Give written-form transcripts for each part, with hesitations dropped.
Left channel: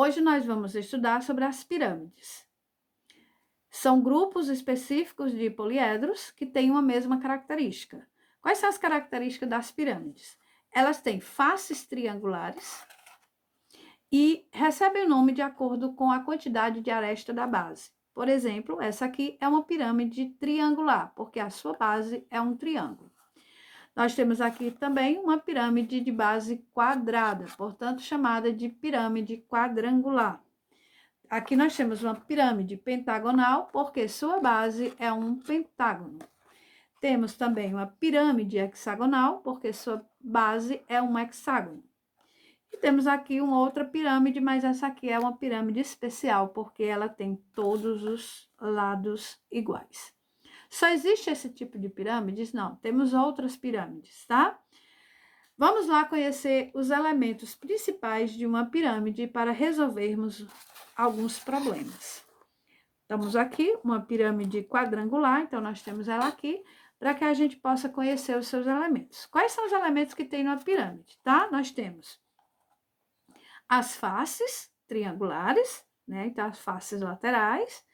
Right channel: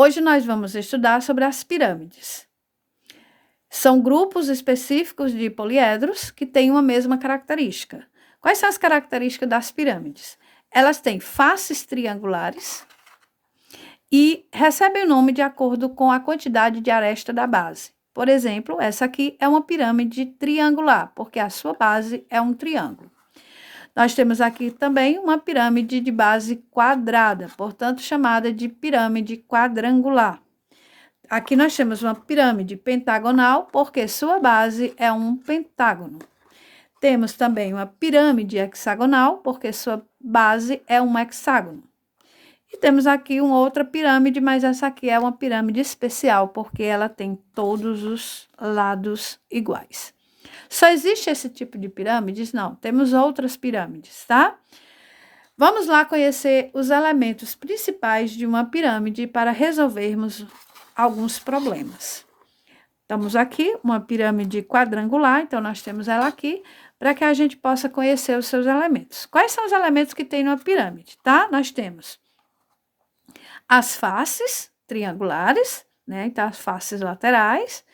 Hoje nós vamos estudar sobre as pirâmides. São grupos específicos de poliedros que têm uma mesma característica. Quais são as características das pirâmides? Elas têm faces triangulares e recebem o nome de acordo com a quantidade de aresta da base. Por exemplo, essa aqui é uma pirâmide triangular, porque a sua base é um triângulo. Nós temos aqui também uma pirâmide de base quadrada, portanto, chamada de pirâmide quadrangular. Aqui nós temos uma pirâmide pentagonal, porque sua base é um pentágono. Temos também uma pirâmide hexagonal, porque sua base é um hexágono. E temos aqui uma outra pirâmide, mas essa aqui é uma pirâmide especial, porque ela tem todos os lados iguais. Só existe esse tipo de pirâmides? Não, temos outras pirâmides, tá? Vamos lá conhecer os elementos principais de uma pirâmide para resolvermos alguns problemas. Estamos aqui, uma pirâmide quadrangular, então nós temos ela aqui, para que a gente possa conhecer os seus elementos. Quais são os elementos que tem numa pirâmide, tá? Nós temos as faces triangulares, né? Então, as faces laterais.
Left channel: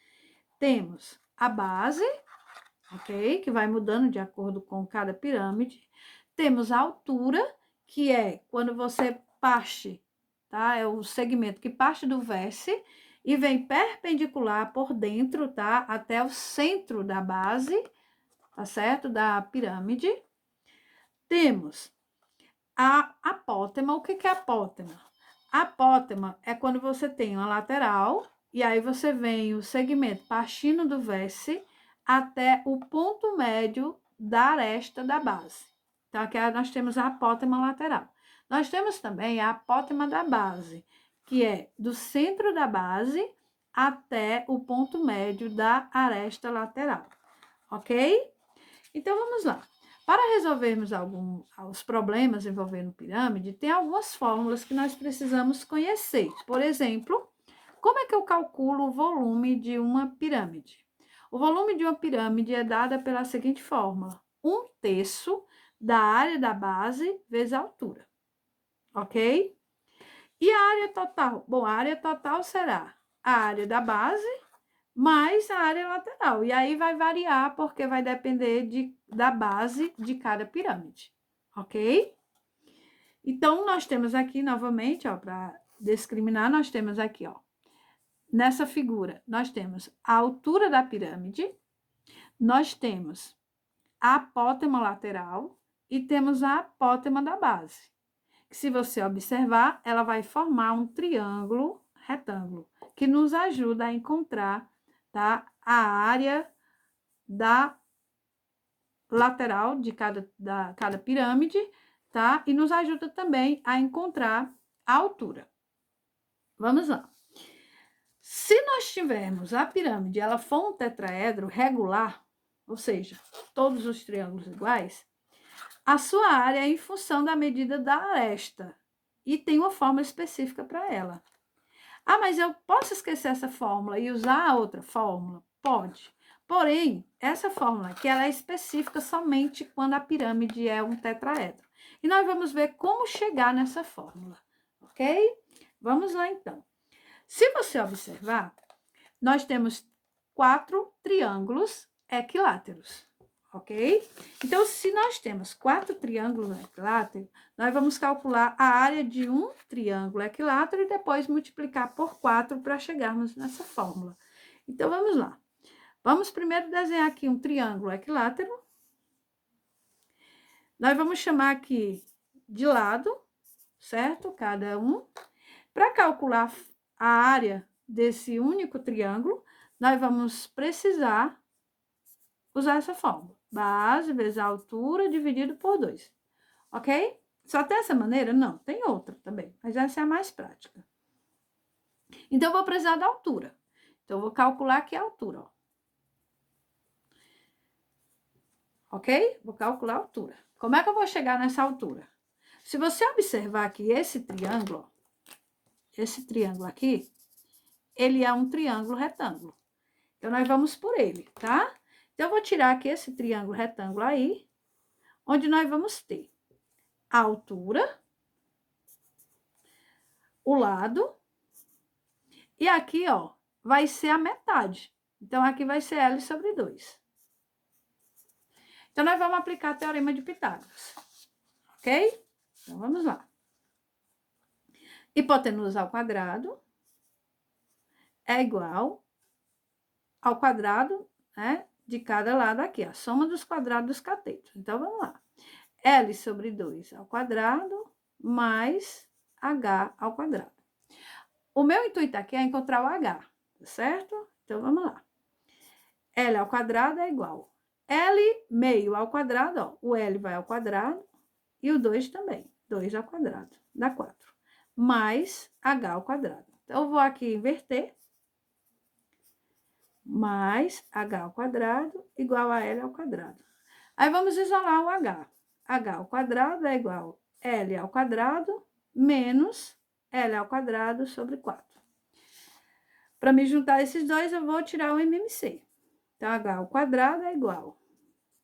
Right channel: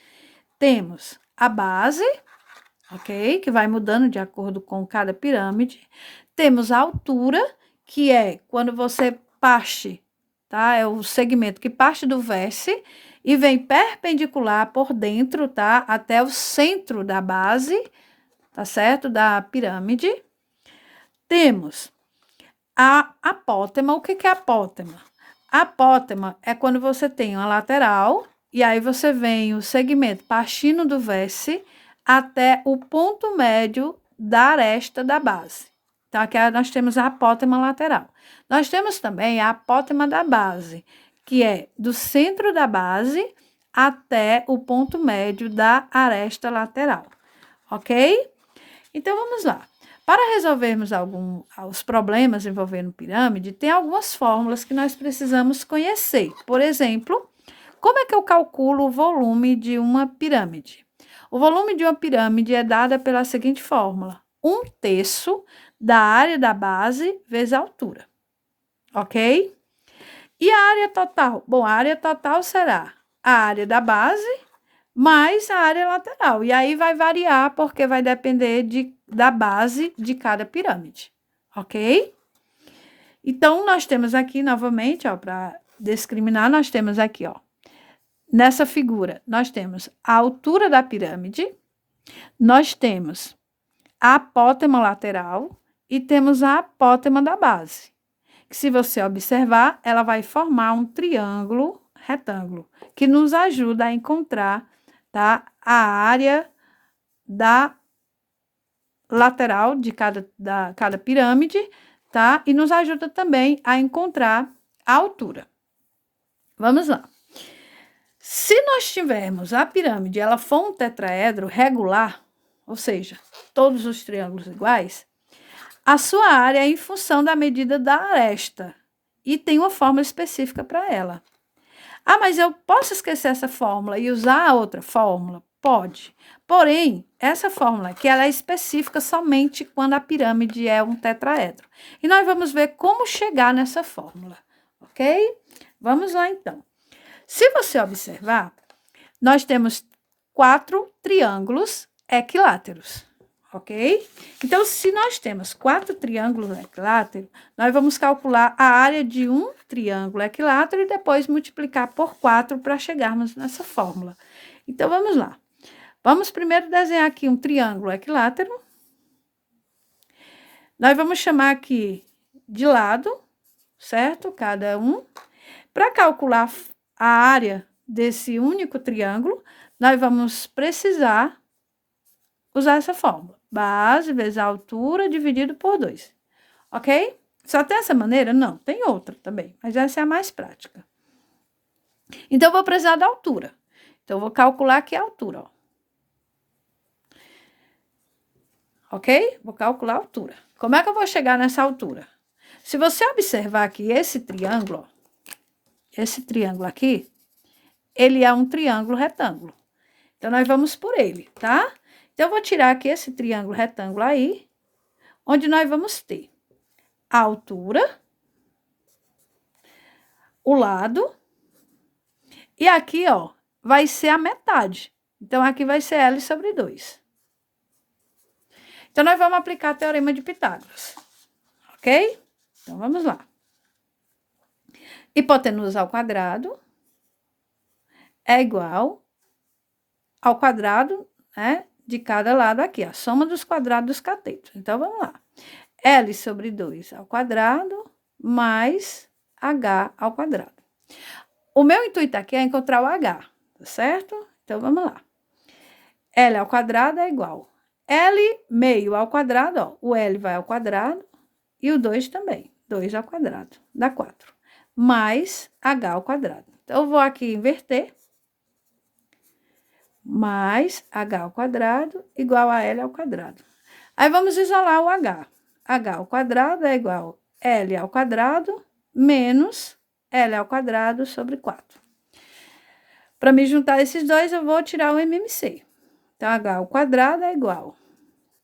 Temos a base, ok? Que vai mudando de acordo com cada pirâmide. Temos a altura, que é quando você parte, tá? É o segmento que parte do vértice e vem perpendicular por dentro, tá? Até o centro da base, tá certo? Da pirâmide. Temos a apótema. O que é apótema? A apótema é quando você tem uma lateral e aí você vem o segmento partindo do vértice até o ponto médio da aresta da base. Então, aqui nós temos a apótema lateral. Nós temos também a apótema da base, que é do centro da base até o ponto médio da aresta lateral, ok? Então, vamos lá. Para resolvermos os problemas envolvendo pirâmide, tem algumas fórmulas que nós precisamos conhecer. Por exemplo, como é que eu calculo o volume de uma pirâmide? O volume de uma pirâmide é dado pela seguinte fórmula: 1/3 da área da base vezes a altura, ok? E a área total? Bom, a área total será a área da base mais a área lateral. E aí vai variar, porque vai depender da base de cada pirâmide, ok? Então, nós temos aqui, novamente, ó, para discriminar, nós temos aqui, ó, nessa figura, nós temos a altura da pirâmide, nós temos a apótema lateral e temos a apótema da base. Que, se você observar, ela vai formar um triângulo retângulo, que nos ajuda a encontrar, tá, a área da lateral de cada pirâmide, tá? E nos ajuda também a encontrar a altura. Vamos lá. Se nós tivermos a pirâmide, ela for um tetraedro regular, ou seja, todos os triângulos iguais, a sua área é em função da medida da aresta e tem uma fórmula específica para ela. Ah, mas eu posso esquecer essa fórmula e usar a outra fórmula? Pode. Porém, essa fórmula aqui, ela é específica somente quando a pirâmide é um tetraedro. E nós vamos ver como chegar nessa fórmula, ok? Vamos lá, então. Se você observar, nós temos 4 triângulos equiláteros, ok? Então, se nós temos 4 triângulos equiláteros, nós vamos calcular a área de um triângulo equilátero e depois multiplicar por 4 para chegarmos nessa fórmula. Então, vamos lá. Vamos primeiro desenhar aqui um triângulo equilátero. Nós vamos chamar aqui de lado, certo? Cada um. Para calcular a área desse único triângulo, nós vamos precisar usar essa fórmula. Base vezes a altura dividido por 2. Ok? Só tem essa maneira? Não, tem outra também, mas essa é a mais prática. Então, eu vou precisar da altura. Então, eu vou calcular aqui a altura, ó. Ok? Vou calcular a altura. Como é que eu vou chegar nessa altura? Se você observar aqui esse triângulo aqui, ele é um triângulo retângulo. Então, nós vamos por ele, tá? Então, eu vou tirar aqui esse triângulo retângulo aí, onde nós vamos ter a altura, o lado E aqui, ó, vai ser a metade. Então, aqui vai ser L sobre 2. Então, nós vamos aplicar o teorema de Pitágoras. Ok? Então, vamos lá. Hipotenusa ao quadrado é igual ao quadrado, né, de cada lado aqui, a soma dos quadrados dos catetos. Então, vamos lá. L sobre 2 ao quadrado mais H ao quadrado. O meu intuito aqui é encontrar o H, tá certo? Então, vamos lá. L ao quadrado é igual. L meio ao quadrado, ó, o L vai ao quadrado e o 2 também. 2 ao quadrado, dá 4. Mais H ao quadrado. Então, eu vou aqui inverter. Mais H ao quadrado igual a L ao quadrado. Aí, vamos isolar o H. H ao quadrado é igual a L ao quadrado menos L ao quadrado sobre 4. Para me juntar esses dois, eu vou tirar o MMC. Então, H ao quadrado é igual a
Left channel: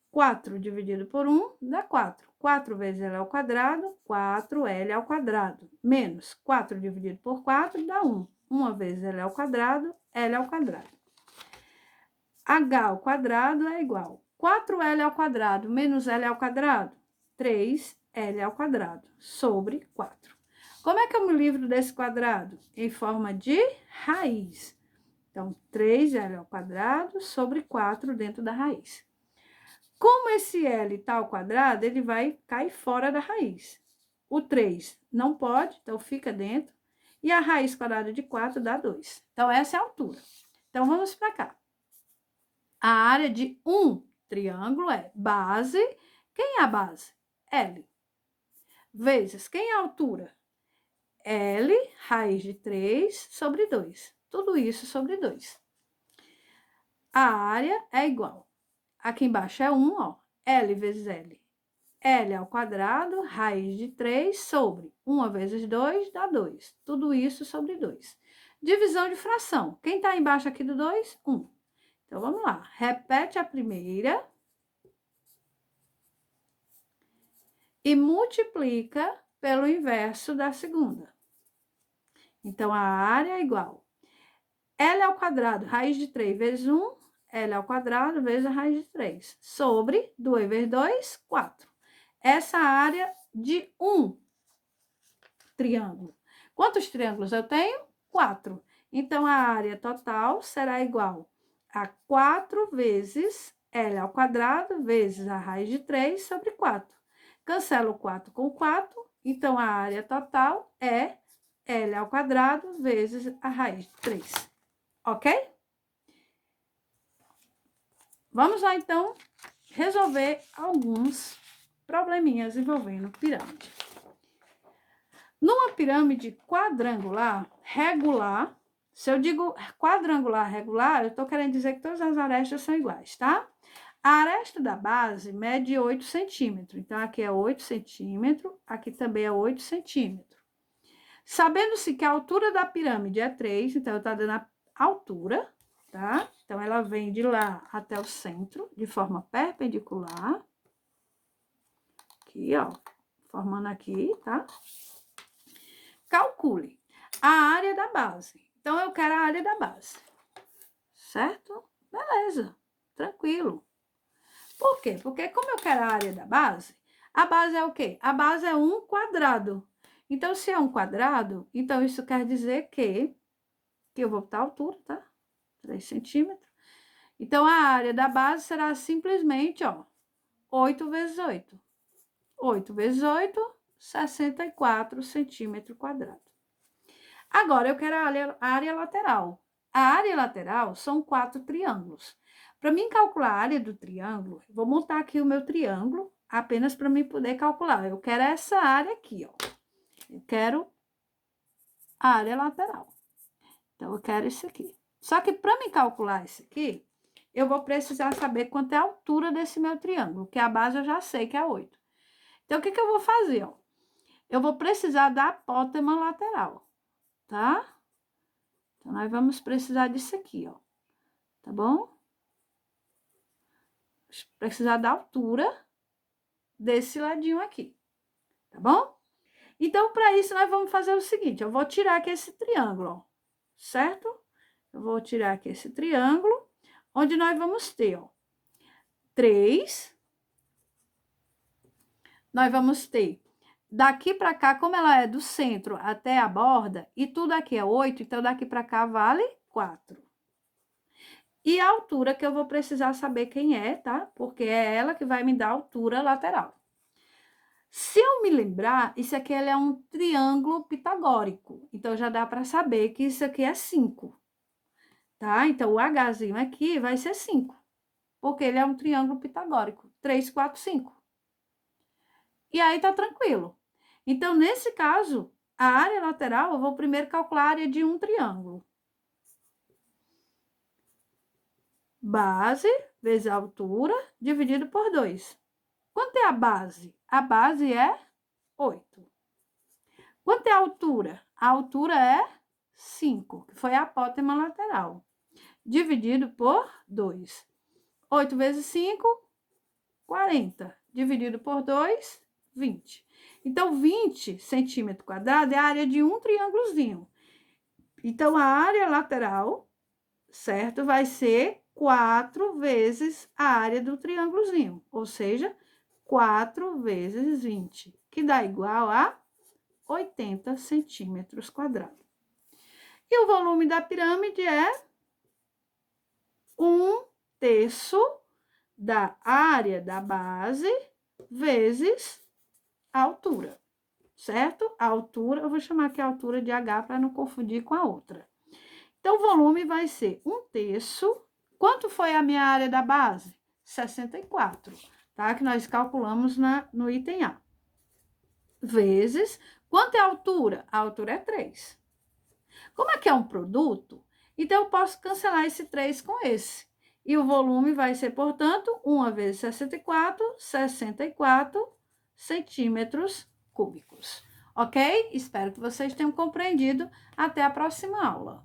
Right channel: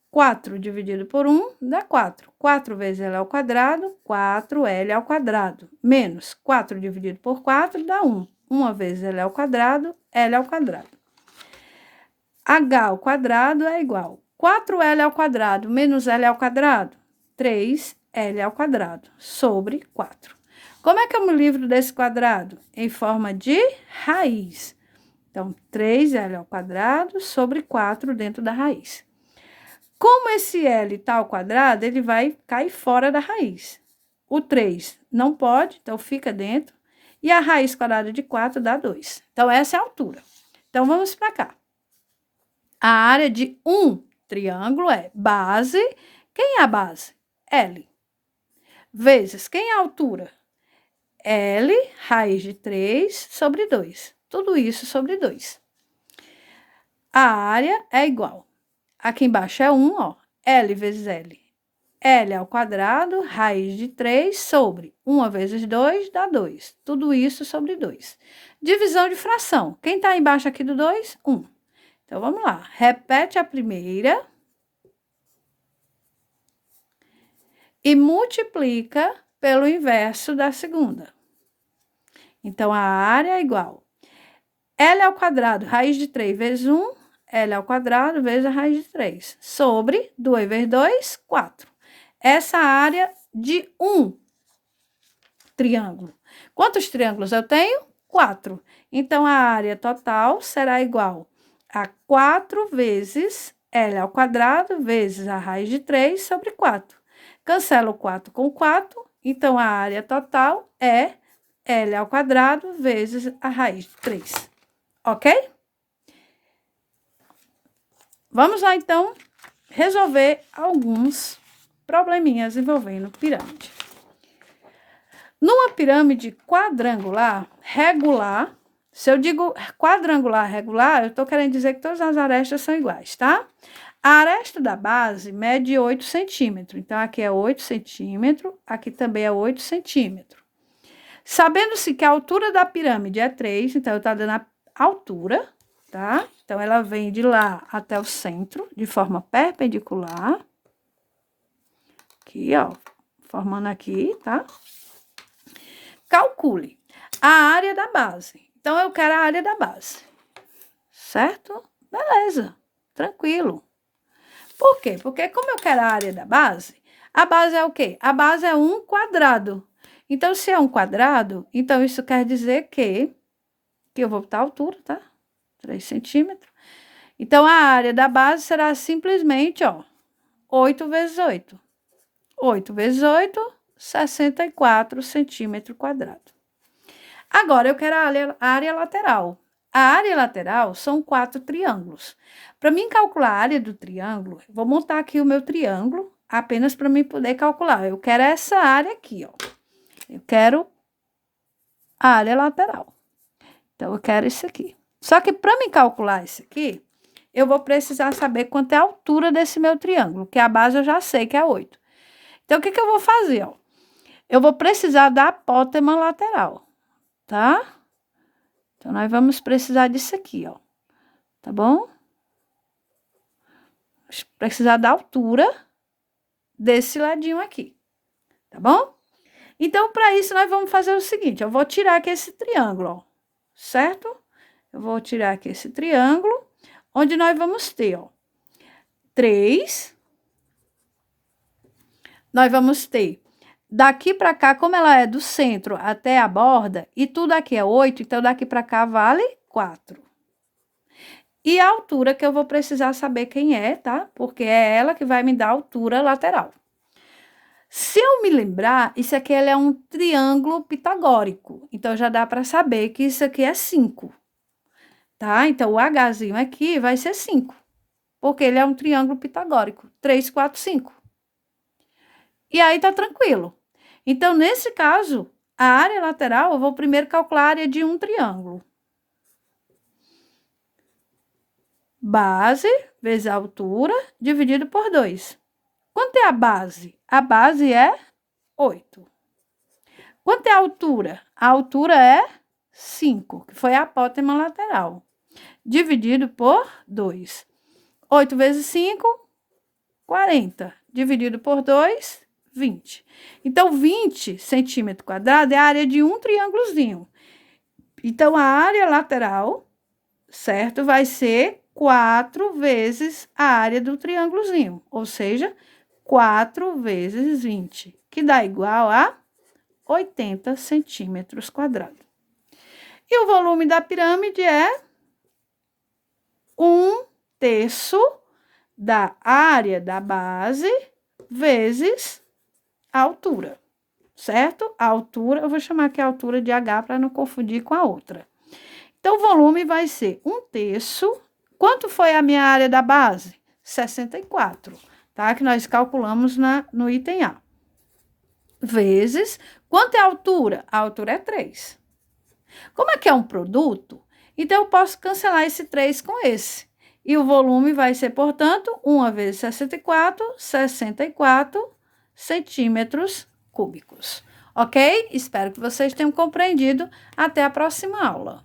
4 dividido por 1 dá 4. 4 vezes L ao quadrado, 4L ao quadrado. Menos 4 dividido por 4 dá 1. 1 vezes L ao quadrado, L ao quadrado. H ao quadrado é igual a 4L ao quadrado menos L ao quadrado, 3L ao quadrado, sobre 4. Como é que eu me livro desse quadrado? Em forma de raiz. Então, 3L ao quadrado sobre 4 dentro da raiz. Como esse L está ao quadrado, ele vai cair fora da raiz. O 3 não pode, então fica dentro. E a raiz quadrada de 4 dá 2. Então, essa é a altura. Então, vamos para cá. A área de um triângulo é base. Quem é a base? L. Vezes, quem é a altura? L, raiz de 3 sobre 2. Tudo isso sobre 2. A área é igual. Aqui embaixo é 1, ó. L vezes L. L ao quadrado, raiz de 3 sobre 1 vezes 2 dá 2. Tudo isso sobre 2. Divisão de fração. Quem está embaixo aqui do 2? 1. Então, vamos lá. Repete a primeira. E multiplica pelo inverso da segunda. Então, a área é igual. L ao quadrado, raiz de 3 vezes 1, L ao quadrado vezes a raiz de 3. Sobre 2 vezes 2, 4. Essa área de um triângulo. Quantos triângulos eu tenho? 4. Então, a área total será igual a 4 vezes L ao quadrado vezes a raiz de 3 sobre 4. Cancelo 4 com 4, então a área total é L ao quadrado vezes a raiz de 3. Ok? Vamos lá, então, resolver alguns probleminhas envolvendo pirâmide. Numa pirâmide quadrangular regular, se eu digo quadrangular regular, eu estou querendo dizer que todas as arestas são iguais, tá? A aresta da base mede 8 centímetros. Então, aqui é 8 centímetros, aqui também é 8 centímetros. Sabendo-se que a altura da pirâmide é 3, então eu estou dando a altura, tá? Então, ela vem de lá até o centro, de forma perpendicular. Aqui, ó, formando aqui, tá? Calcule a área da base. Então, eu quero a área da base, certo? Beleza, tranquilo. Por quê? Porque como eu quero a área da base, a base é o quê? A base é um quadrado. Então, se é um quadrado, então isso quer dizer que eu vou botar a altura, tá? 3 centímetros. Então, a área da base será simplesmente, ó, 8 vezes 8. 8 vezes 8, 64 centímetros quadrados. Agora, eu quero a área lateral. A área lateral são 4 triângulos. Para mim calcular a área do triângulo, vou montar aqui o meu triângulo, apenas para mim poder calcular. Eu quero essa área aqui, ó. Eu quero a área lateral. Então, eu quero isso aqui. Só que para me calcular isso aqui, eu vou precisar saber quanto é a altura desse meu triângulo, que a base eu já sei que é 8. Então, o que eu vou fazer, ó? Eu vou precisar da apótema lateral, tá? Então, nós vamos precisar disso aqui, ó. Tá bom? Precisar da altura desse ladinho aqui, tá bom? Então, para isso, nós vamos fazer o seguinte, eu vou tirar aqui esse triângulo, ó, certo? Eu vou tirar aqui esse triângulo, onde nós vamos ter, ó, 3. Nós vamos ter daqui para cá, como ela é do centro até a borda, e tudo aqui é 8, então daqui para cá vale 4. E a altura que eu vou precisar saber quem é, tá? Porque é ela que vai me dar a altura lateral. Se eu me lembrar, isso aqui é um triângulo pitagórico. Então, já dá para saber que isso aqui é 5. Tá? Então, o Hzinho aqui vai ser 5. Porque ele é um triângulo pitagórico. 3, 4, 5. E aí, tá tranquilo. Então, nesse caso, a área lateral, eu vou primeiro calcular a área de um triângulo. Base vezes a altura, dividido por 2. Quanto é a base? A base é 8. Quanto é a altura? A altura é 5, que foi a apótema lateral, dividido por 2. 8 vezes 5, 40. Dividido por 2, 20. Então, 20 centímetros quadrados é a área de um triângulozinho. Então, a área lateral, certo? Vai ser 4 vezes a área do triângulozinho, ou seja, 4 vezes 20, que dá igual a 80 centímetros quadrados. E o volume da pirâmide é 1/3 da área da base vezes a altura, certo? A altura, eu vou chamar aqui a altura de H para não confundir com a outra. Então, o volume vai ser 1/3. Quanto foi a minha área da base? 64, tá? Que nós calculamos no item A. Vezes, quanto é a altura? A altura é 3. Como aqui é um produto, então eu posso cancelar esse 3 com esse. E o volume vai ser, portanto, 1 vezes 64 centímetros cúbicos. Ok? Espero que vocês tenham compreendido. Até a próxima aula.